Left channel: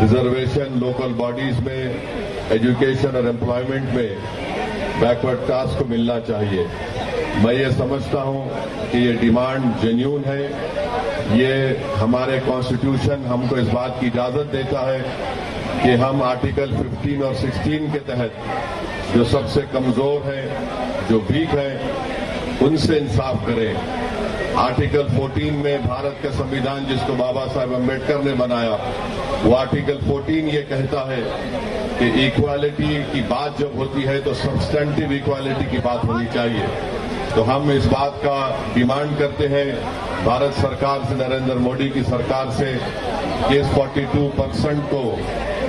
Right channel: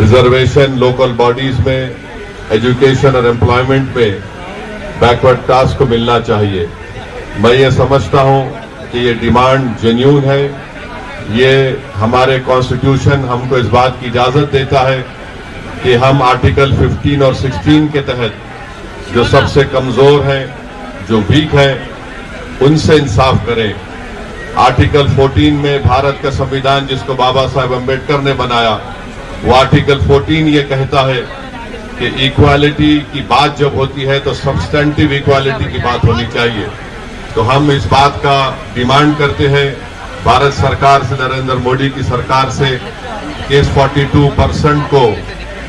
Reservation local bodies में, education और employment में बैकवर्ड क्लास को मिलना चाहिए। मैं ये समझता हूँ कि ये डिमांड जेन्युइन है। ये हमारे कॉन्स्टिट्यूशन हमको इस बात की इजाज़त देता है कि हम आर्टिकल 15 और 16 के तहत जो सबसे कमज़ोर हैं, जो वीक हैं, उनसे इंसाफ करें। आर्टिकल 14 में भारत का संविधान जिसको बाबा साहेब अम्बेडकर ने बनाया, वो आर्टिकल 14 ये कहता है कि इक्वालिटी की बात जब होती है तो सब्सटेंटिव इक्वालिटी की बात होनी चाहिए। तो हम इस बात का डिमांड करते हैं भारत सरकार से, नरेंद्र मोदी की सरकार से, कि इस 42% को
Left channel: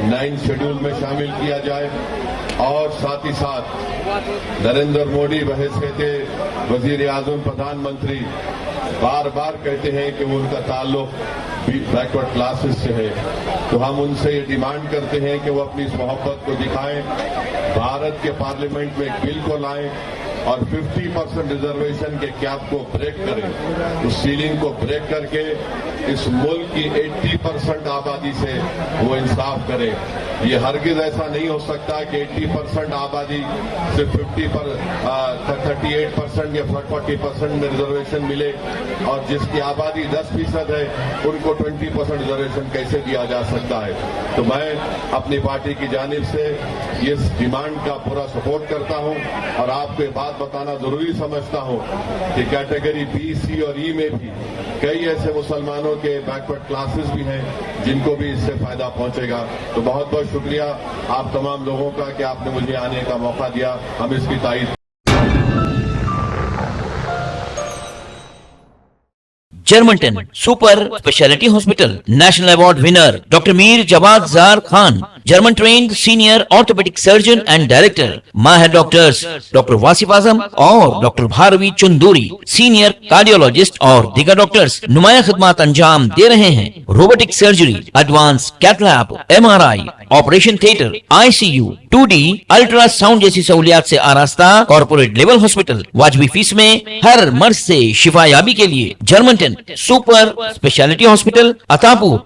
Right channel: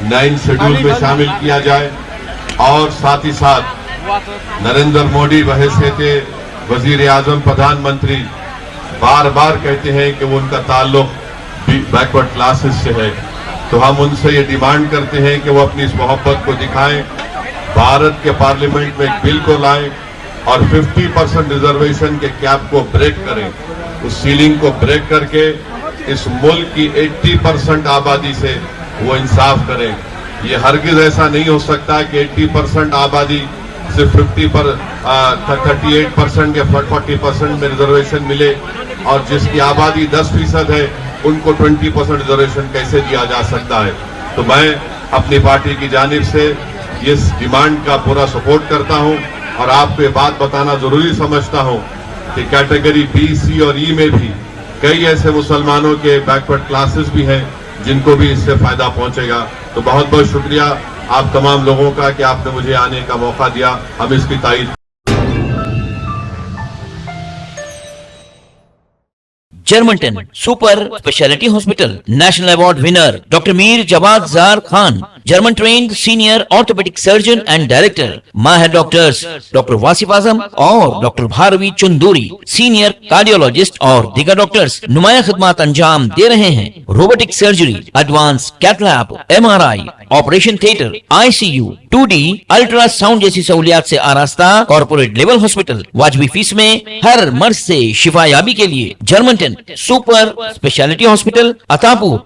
9 शेड्यूल में शामिल किया जाए। और साथ ही साथ नरेंद्र मोदी बहैसियत वजीर आजम, प्रधानमंत्री बार बार कहते हैं कि वो उनका ताल्लुक बैकवर्ड क्लासेस से है। तो हम उनसे ये डिमांड करते हैं कि वो अपनी इस मोहब्बत को दिखाएं, भारत के पार्लियामेंट में एक बिल को लाएं और 50% रिजर्वेशन के कैप को ब्रेक करें, उस सीलिंग को ब्रेक करके इस मुल्क की 80% आबादी से वो इंसाफ करें। ये हरगिज ऐसा नहीं हो सकता कि 80% आबादी सिर्फ 38% या 40% में रिजर्वेशन मिले और जिसकी आबादी 10% है उनको 20% रिजर्वेशन कैसे दिया जा सकता है। तो मैं अपनी पार्टी की जानिब से इस डिमांड का पूरा सपोर्ट करता हूं और आपको ये बात बताना जरूरी समझता हूं कि कैटेगरी बी, सी और ई में भी कई ऐसे मुसलमानों के बैकवर्ड क्लासेस भी हैं जिनको भी इससे फायदा पहुंचेगा। तो बहुत बहुत शुक्रिया आप तमाम लोगों का कि आपने मुझे आने का मौका दिया। हम इसकी तारीफ। Germantown Super Speciality Hospital National Award winner Dr. Mir Jawad Zar Khan, German trained senior orthopedic surgeon and director, Mahir doctors Dr. Wasif Azam और Dr. Bharvi Chunduri, senior cardiologist और दीगर डॉक्टर्स नुमाया खिदमत अंजाम दे रहे हैं। Robotic surgery, advance cath lab, MRI, operation theatre, ICU, 2D ultrasound जैसी सहूलियात से आरास्ता कॉर्पोरेट लेवल हॉस्पिटल, वाजबी फीस में हर मर्ज से शिफायाबी के लिए Germanten super speciality hospital, Attapur.